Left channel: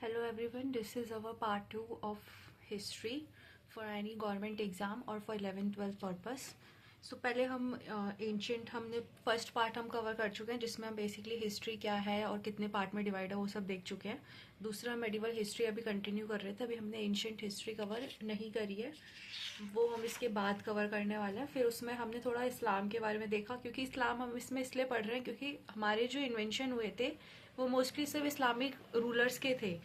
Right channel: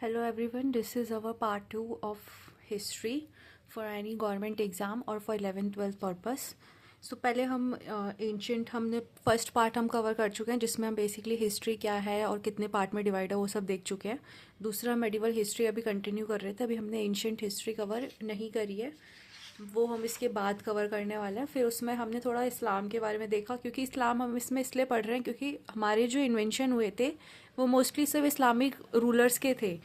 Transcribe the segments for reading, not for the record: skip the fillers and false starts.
Hello everyone, this is our part 2 of history for any government exam or for 11th 12th purpose. So पहले हम ancient हमने first part हम cover कर चुके हैं जिसमें हम बेसिकली हिस्ट्री क्या है और कितने पार्ट में डिवाइड है वो सब देख चुके हैं. दूसरा मेडिवल हिस्ट्री अभी कंटिन्यू कर रहे थे. अभी हमने एंशंट हिस्ट्री कवर नहीं करी है, वो हम इसके बाद कवर करने वाले हैं. फिर उसमें हमने थोड़ा इस्लाम के बारे में देखा, क्योंकि इस्लाम हम इसमें इसलिए पढ़ रहे हैं क्योंकि हमारे जो इन्वेंशन हुए थे वो मोस्टली सिर्फ इस्लामिक रूलर्स के थे.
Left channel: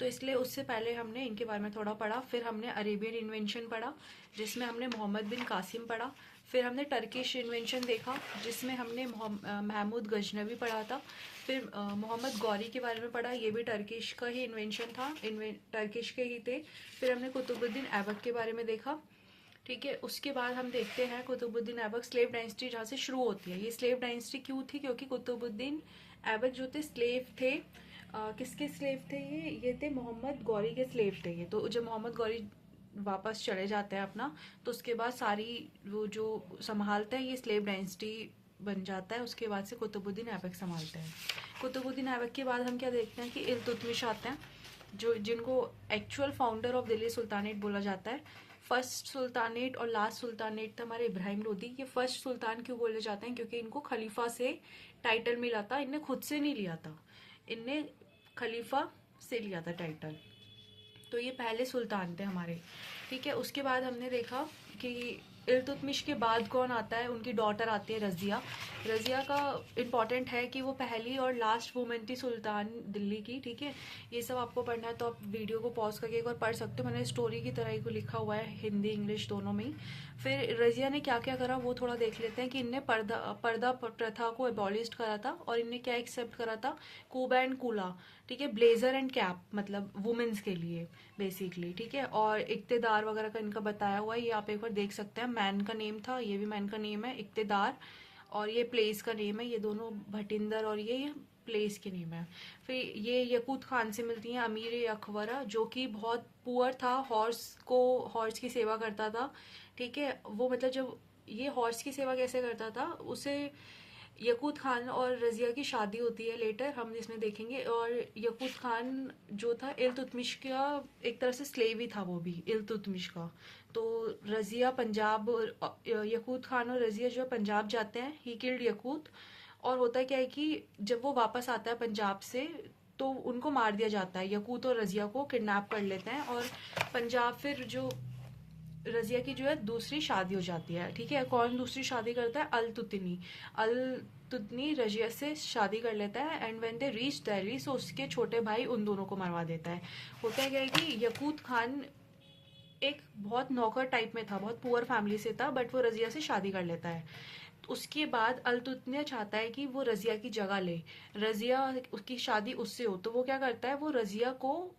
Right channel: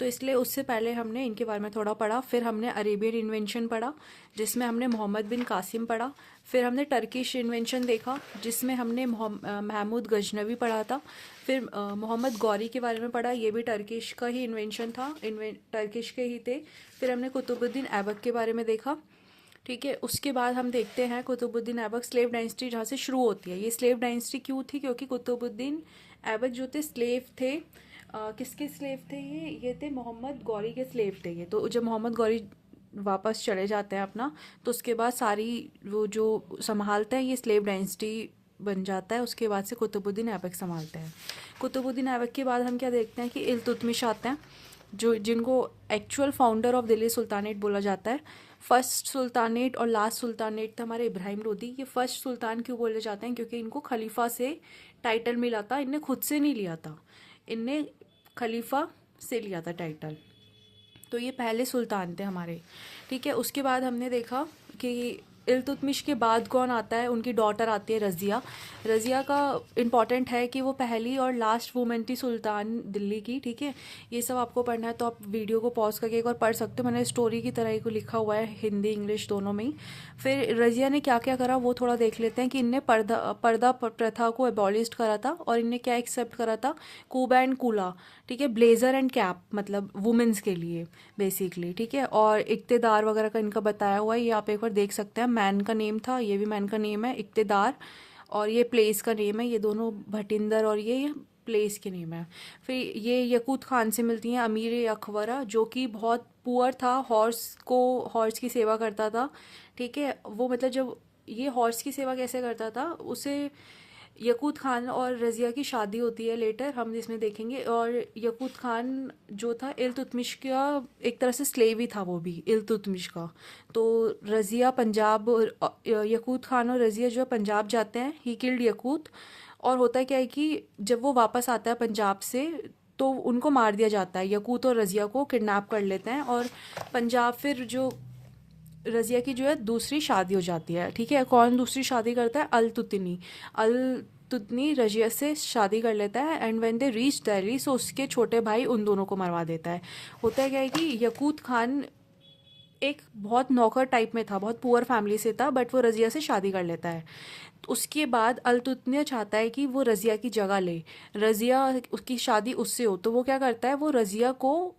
तो इसलिए उससे पहले हमने इनके बारे में थोड़ा पढ़ा. फिर हमने अरेबियन इन्वेंशन पढ़ा जिसमें हमने मोहम्मद बिन कासिम पढ़ा. फिर हमने टर्किश इन्वेंशन देखा जिसमें हमने महमूद गजनवी पढ़ा था. फिर मोहम्मद गौरी के बारे में पढ़ा, ये भी टर्किश का ही इन्वेंशन था, टर्किश के ही थे. फिर हमने कुतुबुद्दीन ऐबक के बारे में देखा. ठीक है, उसके बाद हम देखते हैं कुतुबुद्दीन ऐबक स्लेव डायनेस्टी जहाँ से शुरू होती है. ये स्लेव डायनेस्टी क्यों थी? क्योंकि कुतुबुद्दीन ऐबक जो थे स्लेव थे. किसके स्लेव थे ये थे मोहम्मद गौरी के स्लेव थे ये. तो जब मोहम्मद गौरी वापस चले जाते हैं अपना, तो उसके बाद सारी वो जो संभालते हैं ये स्लेव डायनेस्टी बन जाता है. उसके बाद से कुतुबुद्दीन ऐबक संभालते हैं. कुतुबुद्दीन ऐबक के बाद हम क्या देखते हैं कि इल्तुतमिश आते हैं, जो जिनको actual founder of Delhi sultanate बोला जाता है. फर्स्ट सुल्तानेट और लास्ट सुल्तानेट था हमारे इब्राहिम लोदी. ये फर्स्ट सुल्तान क्यों बोले जाते हैं? क्योंकि इनको खलीफा से टाइटल मिला था, इनने खुद से नहीं लिया था, इनने खलीफा से लिया था टाइटल. तो ये पहले सुल्तान थे हमारे. ठीक है, उसके बाद हमने देखा कि इल्तुतमिश के बाद कौन आता है. उनकी डॉटर आती है रज़िया. रज़िया का इम्पॉर्टेंट है कि वो पहली और लास्ट वुमेन थी सुल्तान दिल्ली की. ठीक है, ये सब आपको पढ़ना है तो आप वीडियो को पॉज करके एक बार पढ़ सकते हो. मैंने स्टोरी की तरह को लिखा हुआ है हिंदी इंग्लिश दोनों में ही. फिर रज़िया ने क्या क्या करा वो थोड़ा देख लेते हैं कि इनने पर्दा प्रथा को एबॉलिश करा था और इनने क्या एक्सेप्ट करा था, कूबा एंड कूला. ठीक है, ब्लेजर एंड कैप मतलब वुमेन्स के लिए बेसिकली. ठीक है, और इक्तेदार वगैरह का इनका बताया हुआ है, ये आप एक बार देख सकते हैं. मैन का नेम था, ये भी मैन का नेम है इक्तेदार, और ये प्लेस का नेम है. ये दोनों भटिंदर और ये प्लेस के नेम है. फिर ये यकूत खान से मिलती हैं अमीर अकबरा, जो कि बहुत पुअर था, हॉर्स की सेवा करता था. ठीक है, वो मतलब जब ये हॉर्स की सेवा कैसे करता था, उसे यकूत खान और रज़िया की शादी होती है लेटर, हम इसमें देखेंगे. और यकूत खान जो था इल्तुतमिश का एक तरह से स्लेव ही था, वो भी इल्तुतमिश का. तो रज़िया पंजाब, यकूत खान और रज़िया जो है पंजाब जाते हैं. He killed Yaqut. और होता क्या है कि जब वो वापस आता है पंजाब से तो उनको मार दिया जाता है. यकूत और रज़िया को किडनैप कर लेते हैं और पंजाब फिर जो रज़िया की जो है दूसरी शादी हो जाती है. ठीक है, कौन दूसरी शादी करता है? अल तुतनी रजिया से शादी कर लेता है. And when they reach Delhi so उसके छोटे भाई उन दोनों को मरवा देता है. होता है क्या है कि यकूत खान एक बहुत नौकर टाइप में था, बहुत पुअर फैमिली से था, बट वो रजिया से शादी कर लेता है. तो उसके बाद अलतुतनिया चाहता है कि वो रजिया की जगह ले, रजिया उसकी शादी उससे हो. तो वो क्या करता है, वो रजिया को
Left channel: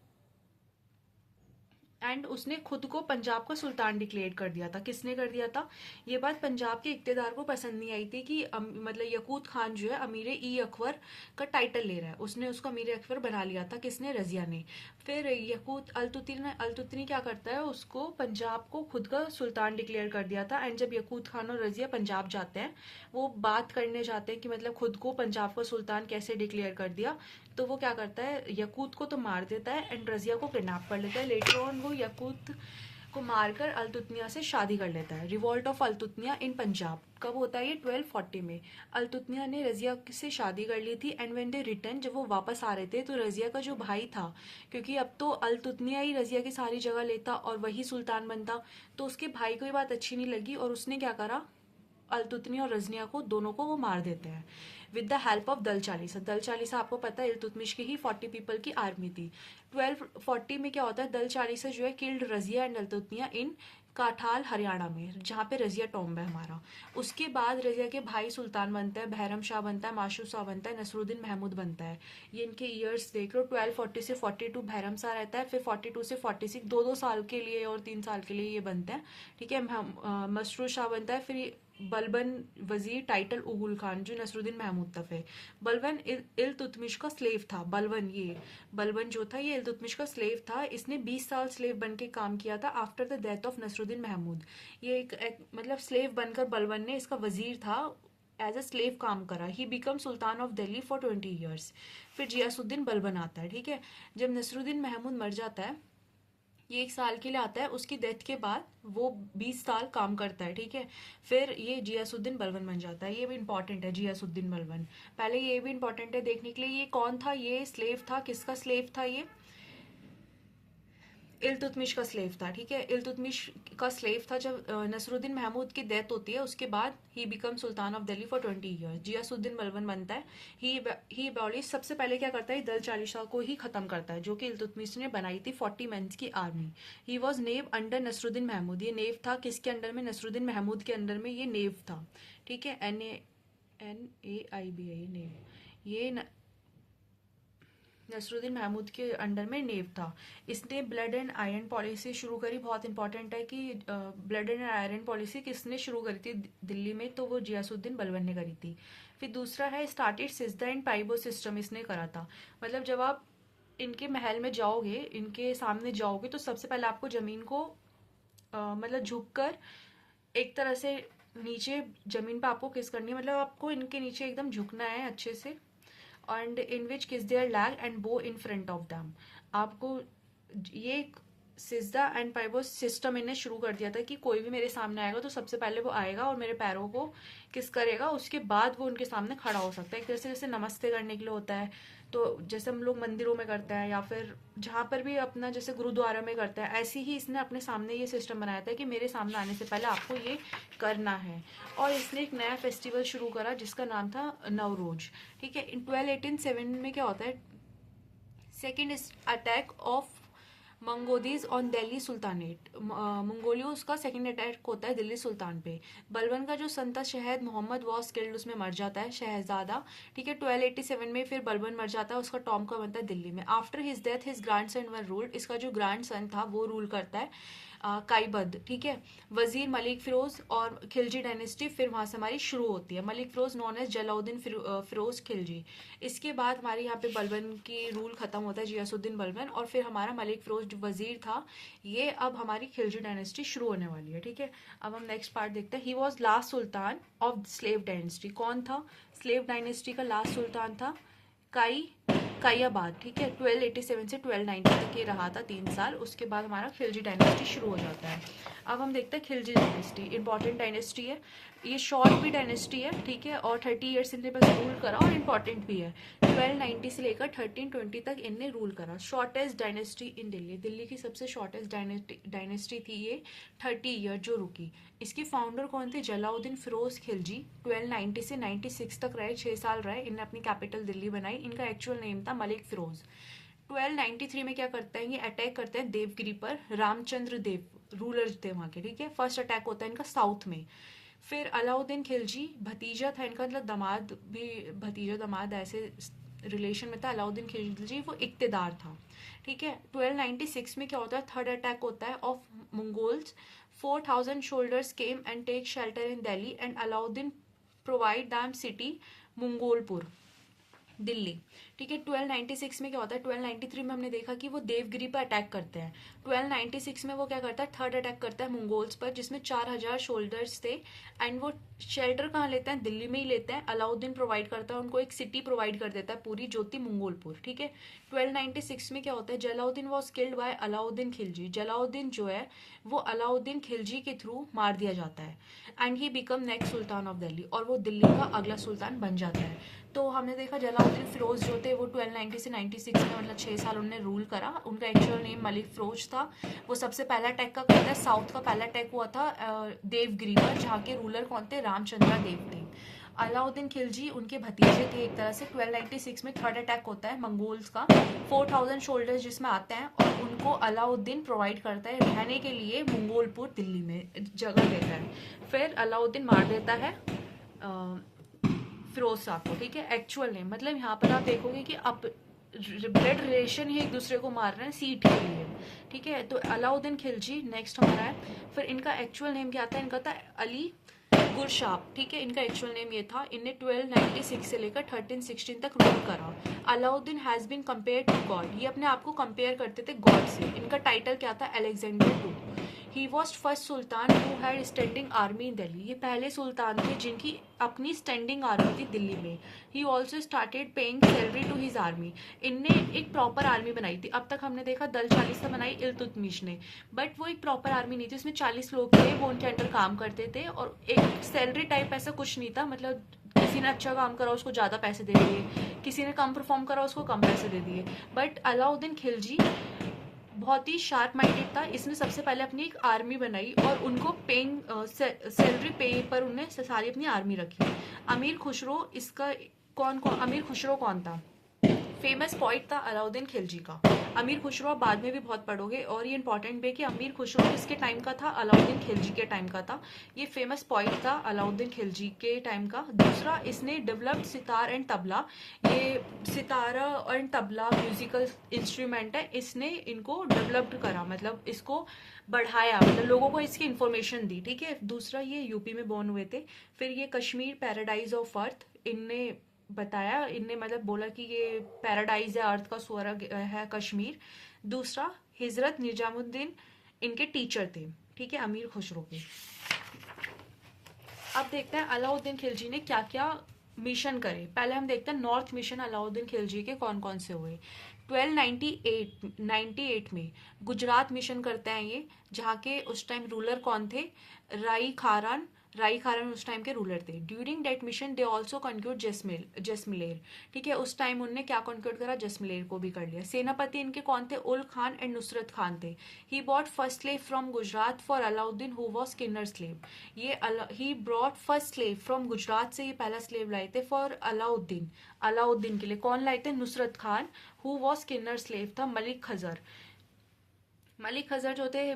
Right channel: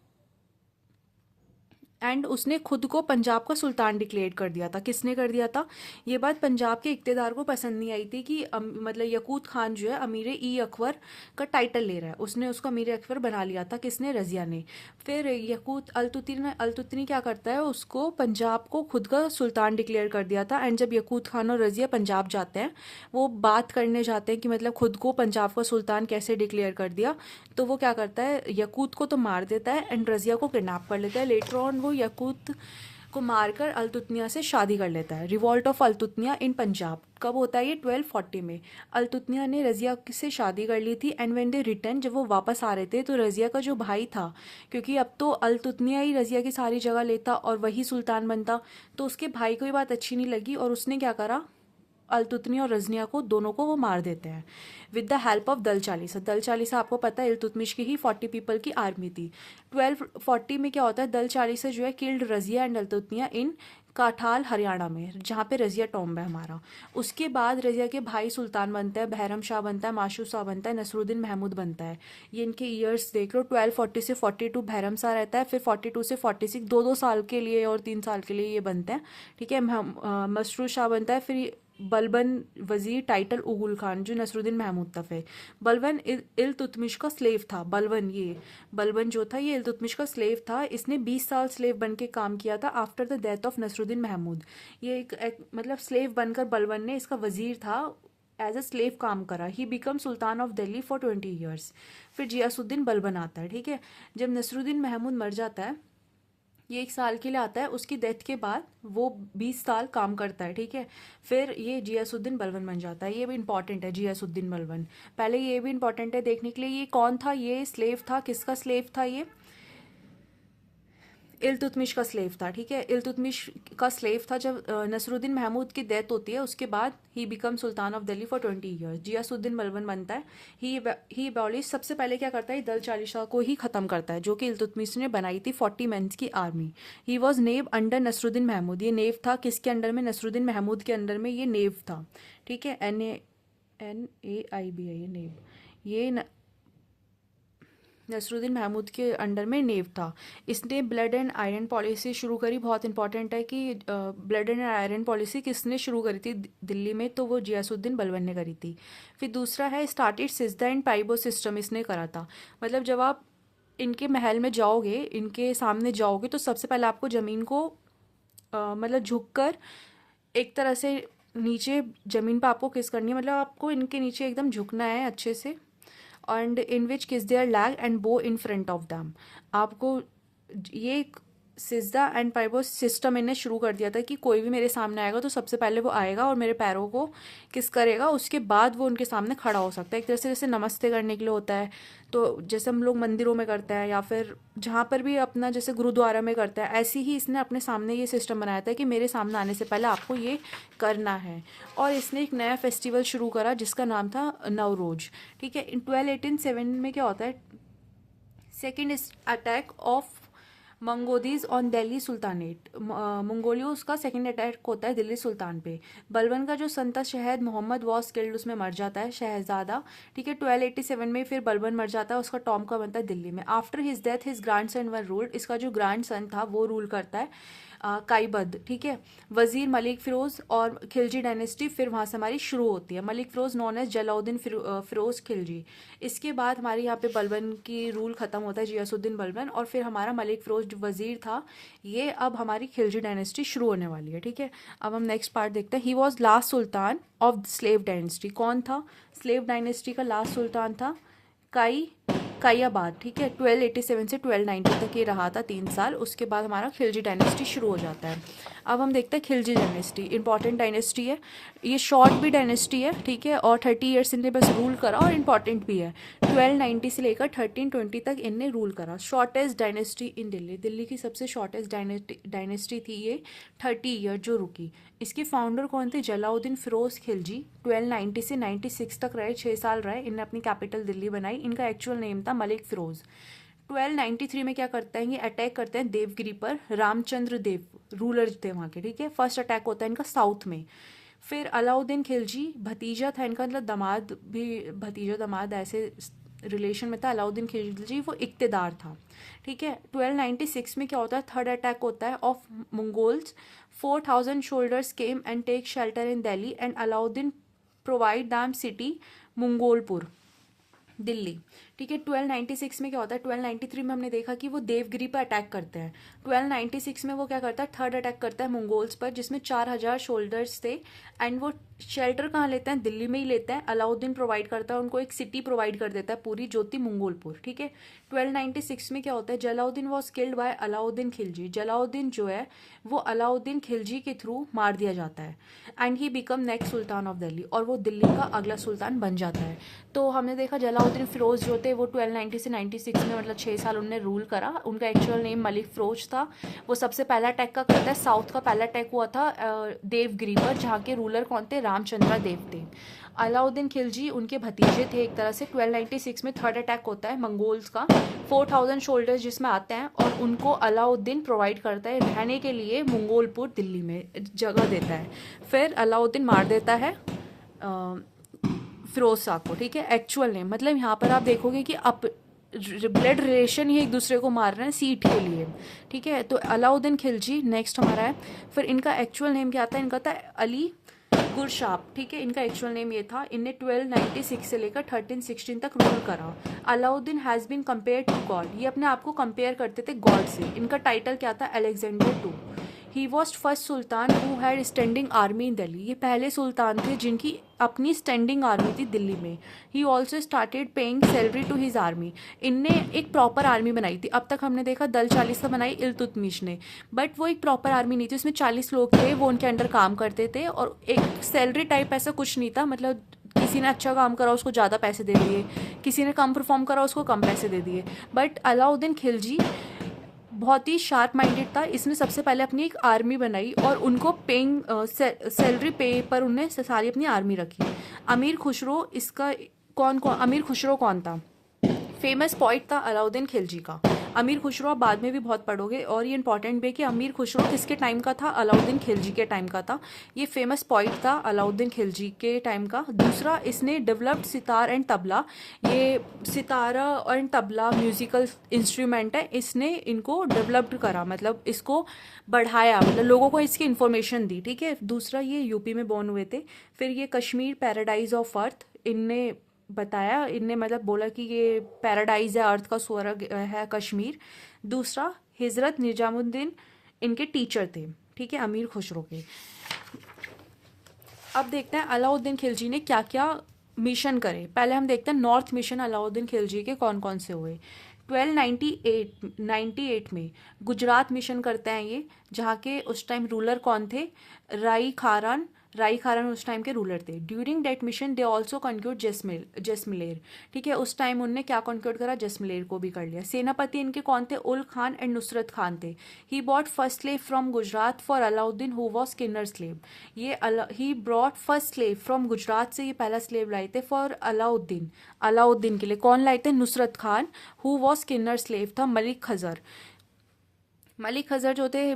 एंड उसने खुद को पंजाब का सुल्तान डिक्लेयर कर दिया था. किसने कर दिया था? ये बात पंजाब के इक्तेदार को पसंद नहीं आई थी कि मतलब यकूत खान जो है अमीर ई अकबर का टाइटल ले रहा है. उसने उसको अमीर अकबर बना लिया था. किसने? रजिया ने. फिर यकूत अलतुतनी क्या करता है, उसको पंजाब को खुद का सुल्तान डिक्लेयर कर दिया था. एंड जब यकूत खान और रजिया पंजाब जाते हैं, वो बात करने जाते हैं कि मतलब खुद को पंजाब का सुल्तान कैसे डिक्लेयर कर दिया. तो वो क्या करता है, यकूत को तो मार देता है एंड रजिया को किडनैप कर लेता है. लेटर ऑन वो यकूत को मारकर अल्तुतनिया से शादी कर लेता है. रिवॉल्ट ऑफ अल्तुतनिया इन पंजाब कब होता है? ये 1240 में. अल्तुतनिया ने रजिया से शादी कर ली थी. एंड व्हेन दे रिटर्न, जब वो वापस आ रहे थे तो रजिया का जो भाई था, क्योंकि अब तो अल्तुतनिया ही रजिया की सारी जगह लेता और वही सुल्तान बनता, तो उसके भाई को ये बात अच्छी नहीं लगी और उसने क्या करा, अल्तुतनी और रजनिया को दोनों को वो मार देते हैं विद द हेल्प ऑफ दल चालीसा. दल चालीसा आपको पता है इल्तुतमिश की ही 40 पीपल की आर्मी थी. 1240 में क्या होता है, दल चालीसा जो है किल्ड रजिया एंड अल्तुतनिया इन काठाल हरियाणा में, जहाँ पे रजिया टॉम्ब है हमारा. उसके बाद रजिया के भाई सुल्तान बनता है, बहरम शाह बनता है, माशू शाह बनता है, नसरुद्दीन महमूद बनता है. ये इनके ईयर्स देख लो. 1240 से 42 बहरम शाह रहता है, फिर 42 से 46 दो दो साल के लिए और 3 साल के लिए ये बनते हैं. ठीक है, मसरूर शाह बनता है. फिर बलबन वजीर टाइटल उगुल खान जो नसरुद्दीन महमूद था. फिर बलबन इल्तुतमिश का स्लेव था. बलबन जो था ये इल्तुतमिश का स्लेव था. इसने 20 साल स्लेव बन के काम किया था after the death of Nasiruddin Mahmud. ये एक मतलब स्लेव बनकर बलबन ने, इसका वजीर था, एज अ स्लेव काम करा. ही become sultan of Delhi for 20 years. फिर जियासुद्दीन बलबन आता है, ठीक है। जब नसरुद्दीन महमूद मर जाता है, ये 1 साल के लिए आता है, उसकी डेथ के बाद वो 20 साल काम करता है, ठीक है। फिर ये जियासुद्दीन बलबन बन जाता है। ये भी इंपॉर्टेंट है, जियासुद्दीन बलबन। पहले ये भी इंपॉर्टेंट है देखने के लिए, ये कौन था, ये स्लेव था, किसका स्लेव था, ये इल्तुतमिश का स्लेव था, ठीक है। इल्तुतमिश का स्लेव था। जब नसरुद्दीन महमूद की डेथ होती है, उसके बाद he become sultan of Delhi for 20 years. Ghiyasuddin Balban बनता है। ही अबॉलिश, सबसे पहले क्या करता है, दल चालिशा को ही खत्म करता है, जो कि इल्तुतमिश ने बनाई थी 40 मेंस की आर्मी। ही वॉज नेव अंडर नसरुद्दीन महमूद। ये नेव था किसके अंडर में, नसरुद्दीन महमूद के अंडर में ये नेव था, ठीक है। NAIB है ये नेव। ये नसरुद्दीन महमूद के अंडर में नेव था। इसने ब्लड एंड आयरन पॉलिसी शुरू करी। बहुत इंपॉर्टेंट है कि ब्लड एंड आयरन पॉलिसी किसने शुरू करी थी दिल्ली में, तो वो जियासुद्दीन बलबन ने करी थी। फिर दूसरा है स्टार्टेड सिजदा एंड पाइबो सिस्टम, इसने करा था। मतलब जब आप इनके महल में जाओगे, इनके सामने जाओगे, तो सबसे पहले आपको ज़मीन को मतलब झुक कर एक तरह से नीचे ज़मीन पर आपको किस करनी है, मतलब आपको इनके नीचे एकदम झुकना है अच्छे से। एंड इन विच किस देयर लैग एंड बो इन फ्रंट ऑफ दैम। आपको ये सिजदा एंड पाइबो सिस्टम इन्हें शुरू कर दिया था कि कोई भी मेरे सामने आएगा तो सबसे पहले वो आएगा और मेरे पैरों को किस करेगा, उसके बाद वो उनके सामने खड़ा हो सकता है। एक तरह से जैसे नमस्ते करने के लिए होता है, तो जैसे हम लोग मंदिरों में करते हैं या फिर जहाँ पर भी अपना जैसे गुरुद्वारा में करते हैं, ऐसे ही इसने अपने सामने ये सिस्टम बनाया था कि मेरे सामने आने से पहले आपको ये करना है। और इसने एक नया फेस्टिवल शुरू करा जिसका नाम था नवरोज, ठीक है। इन 1287 में क्या होता है, सेकेंड अटैक ऑफ मंगोदीज ऑन दिल्ली सुल्तानेट। मंगोलियों का सेकंड अटैक होता है दिल्ली सुल्तान पे। बलबन का जो सन था शहद मोहम्मद वॉज किल्ड, उसमें मर जाता है शहजादा, ठीक है। 1287 में फिर बलबन मर जाता है, उसका टॉम का बनता है दिल्ली में। After his death his grandson were ruled, इसका जो ग्रैंड सन था वो रूल करता है काईबद, ठीक है। वजीर मलिक फिरोज और खिलजी डायनेस्टी फिर वहाँ से हमारी शुरू होती है। Malik Firoz known as Jalaluddin Firoz Khilji. इसके बाद हमारे यहाँ पे बलबन की रूल खत्म होता है, जियासुद्दीन बलबन, और फिर हमारा मलिक फिरोज जो वजीर था, ये अब हमारी खिलजी डायनेस्टी शुरू होने वाली है, ठीक है। अब हम नेक्स्ट पार्ट देखते हैं। He was last Sultan of slave dynasty. कौन था स्लेव डायनेस्टी का लास्ट सुल्तान था, काइयाबाद, ठीक है। 1287 से 1290 तक ये रहा था 3 साल। उसके बाद हमारा खिलजी डायनेस्टी शुरू हो जाता है। अब हम देखते हैं खिलजी डायनेस्टी। इंपॉर्टेंट डायनेस्टी है ये, शॉर्ट भी डायनेस्टी है, ठीक है, और 30 ईयर्स इनने बस रूल करा, और इंपॉर्टेंट भी है। 1290 से लेकर 1320 तक इनने रूल करा। Shortest dynasty in Delhi, Delhi की सबसे शॉर्टेस्ट डायनेस्टी थी ये, 30 ईयर जो रुकी। इसके फाउंडर कौन थे, जलाउद्दीन फिरोज खिलजी। 1290 से 96 तक रहे, 6 साल रहे। इनने अपनी कैपिटल दिल्ली बनाई। इनका एक्चुअल नेम था मलिक फिरोज। 1293 में क्या करते हैं, ये अटैक करते हैं देवगिरी पर। रामचंद्र देव रूलर थे वहाँ के, ठीक है। फर्स्ट अटैक होता है इनका साउथ में। फिर अलाउद्दीन खिलजी, भतीजा था इनका, मतलब दामाद भी, भतीजा दामाद ऐसे रिलेशन में था। अलाउद्दीन खिलजी वो इक्तदार था, ठीक है। 1296 में क्या होता है, थर्ड अटैक होता है of Mongols. 4000 soldiers came and take shelter in Delhi and Alauddin provide them city Mangolpur Delhi, ठीक है। 1296 में क्या होता है, 1293 में हमने देखा कि वो देवगिरी पर अटैक करते हैं। 1296 में वो क्या करता है, थर्ड अटैक करता है मंगोल्स पर, जिसमें 4000 शोल्डर्स थे। एंड वो शेल्टर कहाँ लेते हैं, दिल्ली में ही लेते हैं। अलाउद्दीन प्रोवाइड करता है उनको, एक सिटी प्रोवाइड कर देता है पूरी, ज्योति मंगोलपुर, ठीक है। 1296 में क्या होता है, Jalauddin was killed by Alauddin Khilji. Jalauddin जो है वो अलाउद्दीन खिलजी के थ्रू मार दिया जाता है। And he become next Sultan of Delhi, और वो दिल्ली का अगला सुल्तान बन जाता है। तो हमने देखा जलाउद्दीन फिरोज जो थे वो 1290 से 96 में, मतलब 6 साल उन्होंने रूल करा। उनका एक्चुअल नेम मलिक फिरोज था। वो सबसे पहला अटैक का करता है, साउथ का पहला अटैक हुआ था देवगिरी पर, जहाँ के रूलर कौन थे, रामचंद्र देव थे। अलाउद्दीन खिलजी उनके भतीजे थे एक तरह से। 1296 में थर्ड अटैक होता है मंगोल्स का, 4000 शोल्डर्स जिसमें आते हैं, और उनको अलाउद्दीन प्रोवाइड करता है रहने के लिए मंगोलपुर दिल्ली में जगह देता है। फिर अलाउद्दीन मार देता है फिरोज साहब को, ठीक है। एक्चुअल नेम, मतलब यहाँ पर आप देखोगे कि अब ब्लड रिलेशन ही एक दूसरे को मार रहे हैं सीट के लिए, ठीक है। तो अलाउद्दीन खिलजी नेक्स्ट हमारा है। फिर इनका एक्चुअल नेम क्या आता है, इनका था अली गुरशाब, ठीक है। इनका एक्चुअल नेम ये था। इनने 1296 से लेकर 1316 तक रूल करा। Alauddin has been compare to God, ये अपने आप को कंपेयर करते थे गॉड से। इनका टाइटल क्या था, Alexander two. He was first sultan who had standing army in Delhi. ये पहले सुल्तान थे जिनकी अपनी स्टैंडिंग आर्मी थी दिल्ली में। He also started paying salary to his army. इनने एक प्रॉपर आर्मी बनाई थी। अब तक हमने देखा दल 40 का बनाई इल्तुतमिश ने, बट वो एक प्रॉपर आर्मी नहीं थी। उसमें 40 लोग थे, वो उनके अंडर काम करते थे और एक सैलरी टाइप ऐसा कुछ नहीं था। मतलब किसी ने अच्छा काम करा उसको ज़्यादा पैसे दे दिए, किसी ने कम परफॉर्म करा उसको कम पैसे दे दिए। बट अलाउद्दीन खिलजी बहुत ही शार्प माइंडेड था। इसने सबसे पहले अपनी एक आर्मी बनाई और उनको पेइंग सैलरी पे पर उन्हें सारी अपनी आर्मी रखी। अमीर खुसरो इसका अमीर खुसरो कौन था? फेमस पॉइंट था अलाउद्दीन खिलजी का। अमीर खुसरो आप बाद में भी बहुत पढ़ोगे और ये इंपॉर्टेंट भी है कि अमीर खुसरो किसके टाइम का था? अलाउद्दीन खिलजी के टाइम का था। ये फेमस पॉइंट था अलाउद्दीन खिलजी के टाइम का। दूसरा, इसने डेवलप्ड सितार एंड तबला। ये सितारा एंड तबला म्यूजिकल इंस्ट्रूमेंट है, इसने इनको डेवलप्ड करा, मतलब इसको बढ़ाया, मतलब लोगों को इसकी इन्फॉर्मेशन दी। ठीक है। दूसरा, ये यूपी में बॉर्न हुए थे। फिर ये कश्मीर पैराडाइज ऑफ अर्थ इनने बताया, इनने मतलब बोला कि ये पैराडाइज है, अर्थ का स्वर्ग है कश्मीर। दूसरा, हिजरत निजामुद्दीन इनके टीचर थे। ठीक है, अमीर खुसरो के। अब देखते हैं अलाउद्दीन खिलजी ने क्या क्या मिशन करे। पहले हम देखते हैं नॉर्थ मिशन अलाउद्दीन खिलजी के कौन कौन से हुए। 1298 में गुजरात मिशन करते हैं ये, जहाँ के उस टाइम रूलर कौन थे? राई खारन उस टाइम के रूलर थे। During that mission they also conquered Jaisalmer. ठीक है, उस टाइम उनने क्या कॉन्क्यूर्ड करा? जैसमलेर को भी कर लिया। सेनापति इनके कौन थे? उल खान एंड नुसरत खान थे। He bought first slave from Gujarat for Alauddin who was किन्नर स्लेव। ये he brought first slave from Gujarat से ये पहला स्लेव लाए थे फॉर अलाउद्दीन के लिए। कौन लाए थे? नुसरत खान, हु वॉज किन्नर स्लेव था मलिक खजर जो थे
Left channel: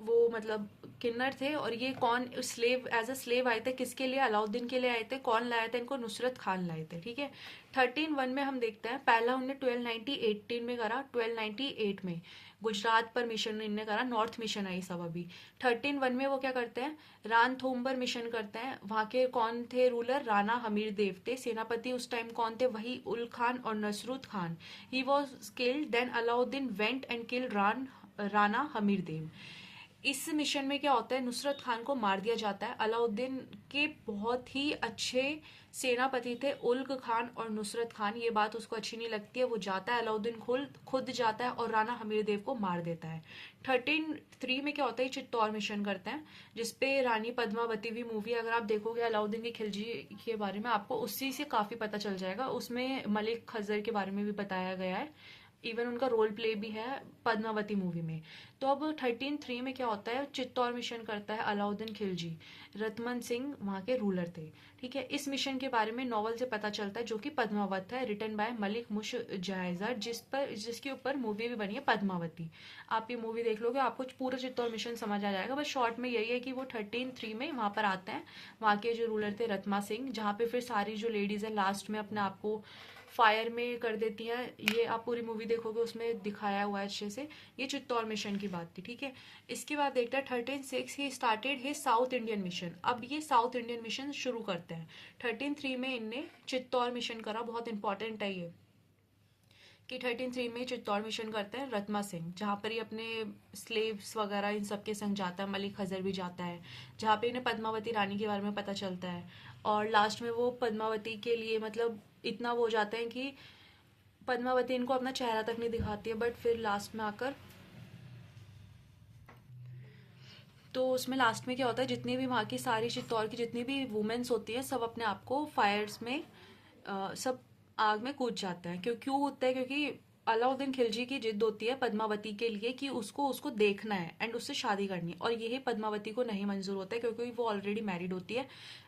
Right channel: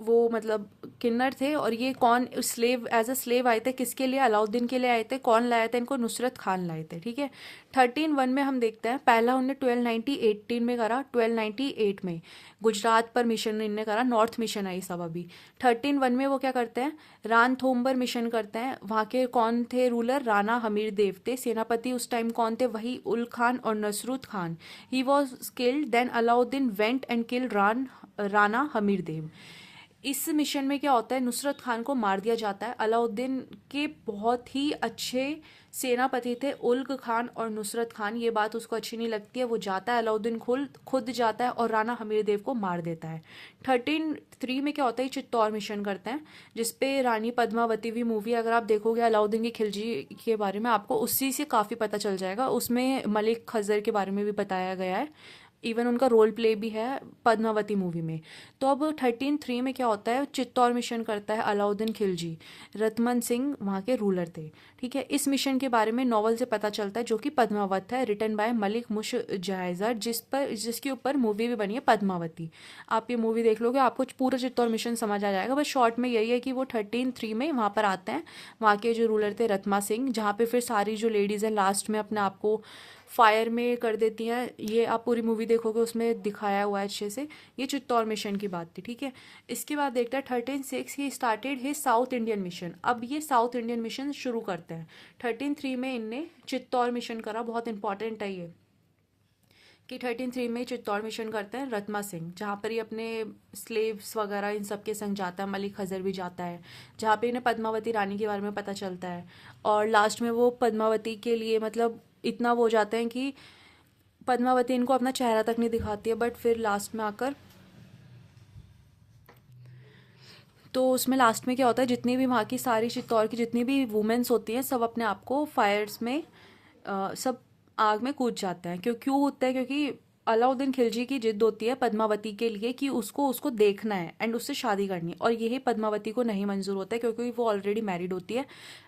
वो मतलब किन्नर थे। और ये कौन स्लेव एज अ स्लेव आए थे? किसके लिए? अलाउद्दीन के लिए आए थे। कौन लाया था इनको? नुसरत खान लाए थे। ठीक है। 1301 में हम देखते हैं, पहला उन्होंने 1298 में करा। 1298 में गुजरात पर मिशन इनने करा, नॉर्थ मिशन आई सब अभी। 1301 में वो क्या करते हैं? रानथोम्बर मिशन करते हैं। वहाँ के कौन थे रूलर? राणा हमीर देव थे। सेनापति उस टाइम कौन थे? वही उल खान और Nusrat Khan. He was killed, then Alauddin went and killed Rana Hamir Dev. इस मिशन में क्या होता है? नुसरत खान को मार दिया जाता है। अलाउद्दीन के बहुत ही अच्छे सेनापति थे उल्ग खान और नुसरत खान। ये बात उसको अच्छी नहीं लगती है, वो जाता है, अलाउद्दीन खुद जाता है और राणा हमीर देव को मार देता है। 1303 में क्या होता है? चित्तौड़ मिशन करते हैं, जिसपे रानी पद्मावती भी मूवी अगर आप देखोगे अलाउद्दीन की खिलजी के बारे में, आपको उसी से काफ़ी पता चल जाएगा। उसमें मलिक खजर के बारे में भी बताया गया है, इवन उनका रोल प्ले भी है पद्मावती मूवी में। तो अब 1303 में क्या होता है? चित्तौड़ मिशन करता है अलाउद्दीन खिलजी। रतमन सिंह वहाँ के रूलर थे। ठीक है। इस मिशन के बारे में नॉवल से पता चलता है, जो कि पद्मावत है, रिटन बाय मलिक मुश जायजर, जिसके ऊपर मूवी भी बनी है पद्मावती। आप ये मूवी देख लोगे आपको पूरा चित्तौड़ मिशन समझ आ जाएगा। बस शॉर्ट में यही है कि वो 1303 में वहाँ पर आते हैं। वहाँ के जो रूलर थे रत्मा सिंह, जहाँ पे फिर सारी जो लेडीज़ हैं लास्ट में अपने आप को फायर में कर देती हैं। ये आप पूरी मूवी देखोगे उसमें दिखाया हुआ है अच्छे से। ये चित्तौड़ मिशन की बात थी। ठीक है। इसके बाद देखते हैं 1306 ही started his south Indian mission. अब ये साउथ इंडियन मिशन शुरू करते हैं। 1303 में इनने चित्तौड़ मिशन करा, बहुत इंपॉर्टेंट है ये कि 1303 में चित्तौड़ मिशन करते हैं रत्मा सिंह, जहाँ पर ही अपने स्लेव्स वगैरह इन सब के संग जाता है। मलिक खजर भी जाता है, जहाँ पे इन्हें पद्मावती रानी के बारे में पता चलता है। और लास्ट में वो पद्मावती के लिए मतलब इतना वो हो जाते हैं कि पद्मावती इनको अपना चेहरा तक नहीं दिखाती है। बट फिर लास्ट में आकर तो उसमें लास्ट में क्या होता है? जितनी भी वहाँ की सारी चित्तौड़ की जितनी भी वुमेन्स होती हैं सब अपने आप को फायर्स में सब आग में कूद जाते हैं। क्यों होता है? क्योंकि अलाउद्दीन खिलजी की जिद होती है पद्मावती के लिए कि उसको देखना है एंड उससे शादी करनी है। और यही पद्मावती को नहीं मंजूर होता है, क्योंकि वो ऑलरेडी मैरिड होती है।